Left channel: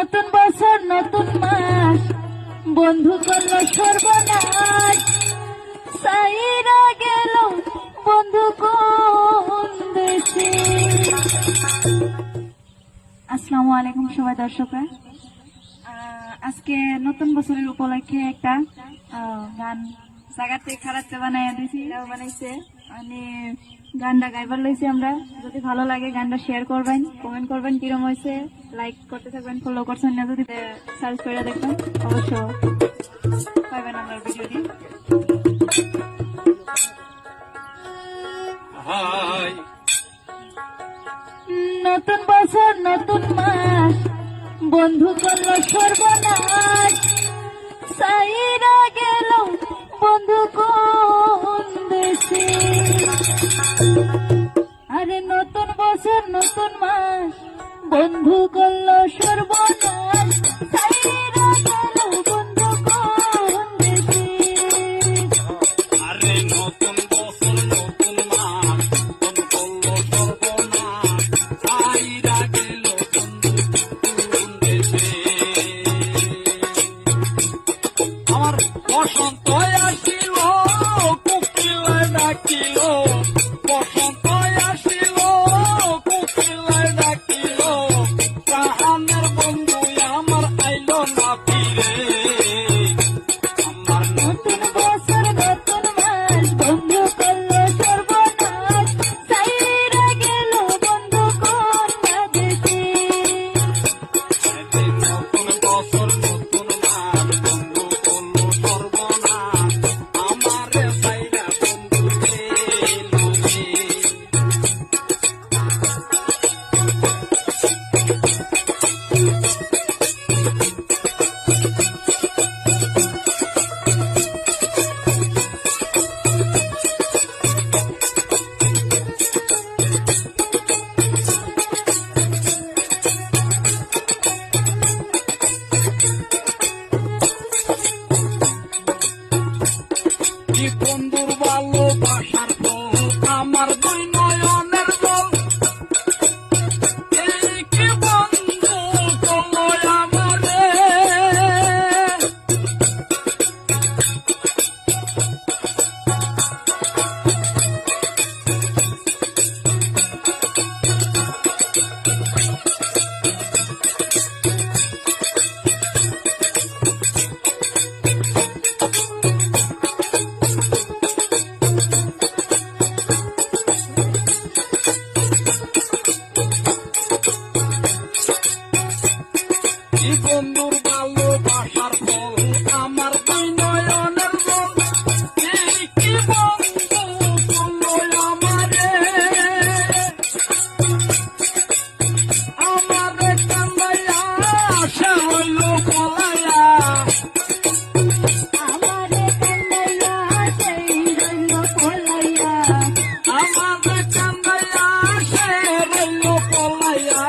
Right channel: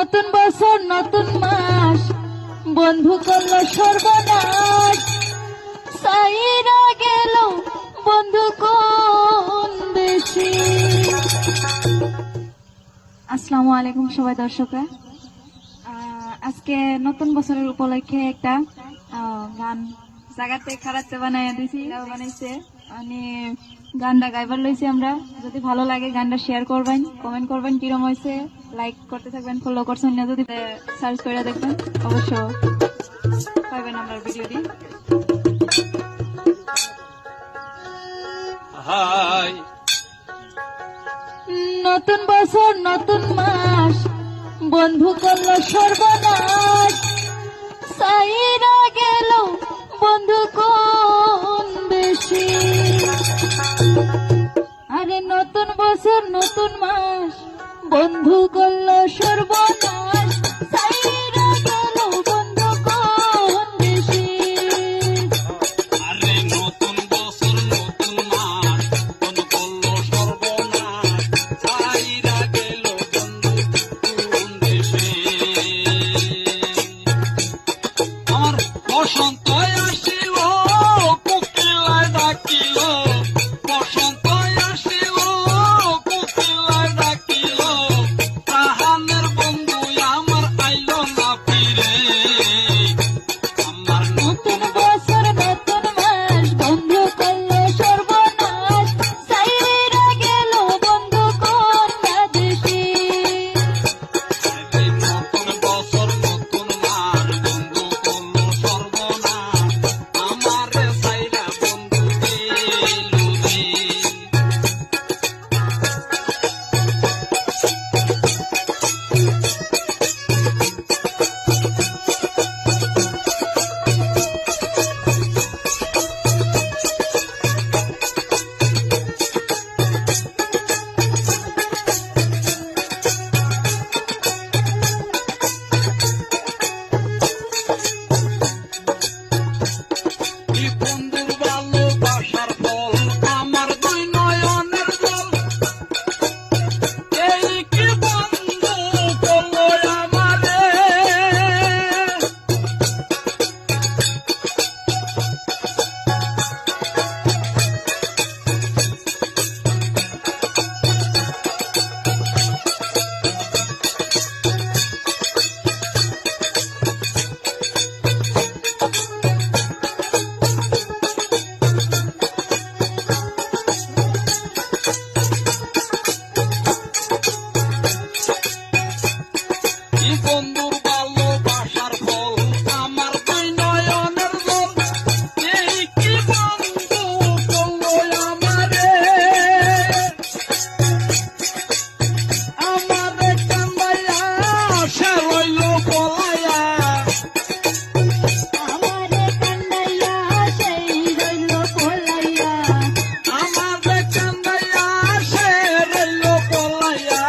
নতুন বছর নতুন মাস বন্ধু করল সর্বনাশ, সাইরা গেল বন্ধু কোন দেশে। আসসালামু আলাইকুম সবাই দর্শকরা, আজকে নতুন বছরের উপলক্ষে একটা গান জায়গাতে খারাপতে বানাইছে মানে গানটা গাইবার লইছি আমরা। যদি ভালো লাগে গানটা শেয়ার করবেন, কমেন্ট করবেন কিরম হয়েছে, লাইক করতে থাকবেন, ফলো করছেন না যদি সার্চ করে দেখবেন অবশ্য পাইবেন আমার ভিডিওটি। নতুন বছর নতুন মাস বন্ধু করলো সর্বনাশ, সাইরা গেল বন্ধু কোন দেশে। আরে নতুন বছর নতুন মাস বন্ধু করলো সর্বনাশ, সাইরা গেল বন্ধু কোন দেশে। আরে নতুন বছর নতুন মাস বন্ধু করলো সর্বনাশ, সাইরা গেল বন্ধু কোন দেশে। আর বসন্ত আসিল কোকিলায় ডাকিল, বসন্ত আসিল কোকিলায় ডাকিল, প্রাণের বন্ধু আমার আইলো না ফিরে। আমার নতুন বছর নতুন মাস বন্ধু করলো সর্বনাশ, সাইরা গেল বন্ধু কোন দেশে। নতুন বছর নতুন মাস বন্ধু করলো সর্বনাশ, আমারে সাইরা বন্ধু গেল রে। কি বন্ধুর ভালোবাসার ফল আমার দুই নয়নের জল, এই কি বন্ধু করলো আমারে। কি বন্ধুর ভালোবাসার ফল আমার দুই নয়নের জল, এই কি বন্ধু করলো আমারে। আমারে কান্দাইয়া আশা রইল পলাইয়া, আমারে কান্দাইয়া সেই রইল পলাইয়া, আমারে কান্দাইয়া সে রইল পলাইয়া,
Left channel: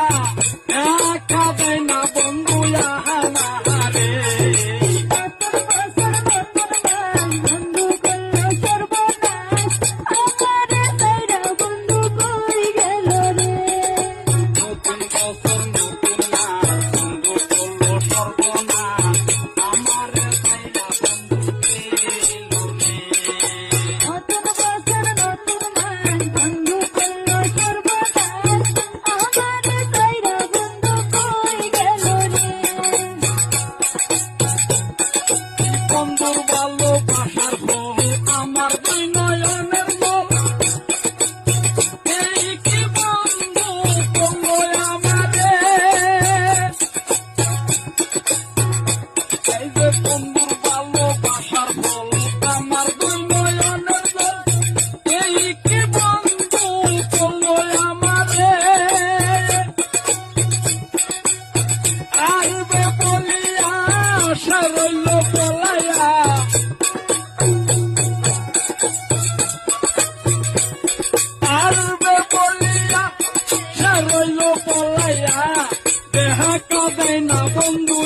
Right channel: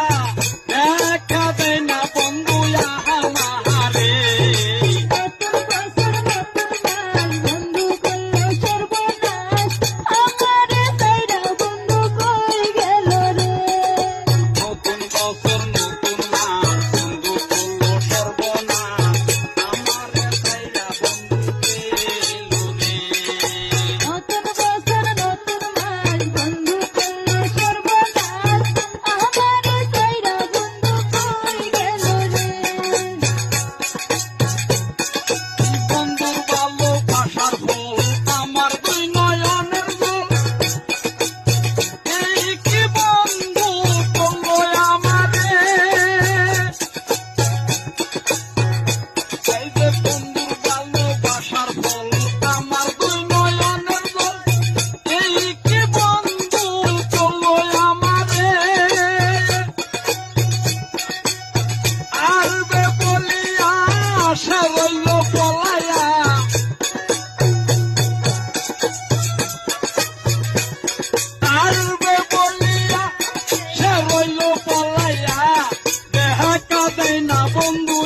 একা দেনা বন্ধু আমারে। নতুন বছর নতুন মাস বন্ধু করলো সর্বনাশ, আমারে সাইরা বন্ধু কই গেল রে। নতুন বছর নতুন মাস বন্ধু করলো সর্বনাশ, আমারে সাইরা বন্ধু কই গেল রে। বন্ধুর ভালোবাসার ফল আমার দুই নয়নের জল, এই কি বন্ধু করলো আমারে। এই যে বন্ধুর ভালোবাসার ফল আমার দুই নয়নের জল, এই কি বন্ধু করলো আমারে। আসবে বলিয়া সে রইল পলাইয়া, আসবে বলিয়া সে রইল পলাইয়া, দেখা কাঁদে না বন্ধু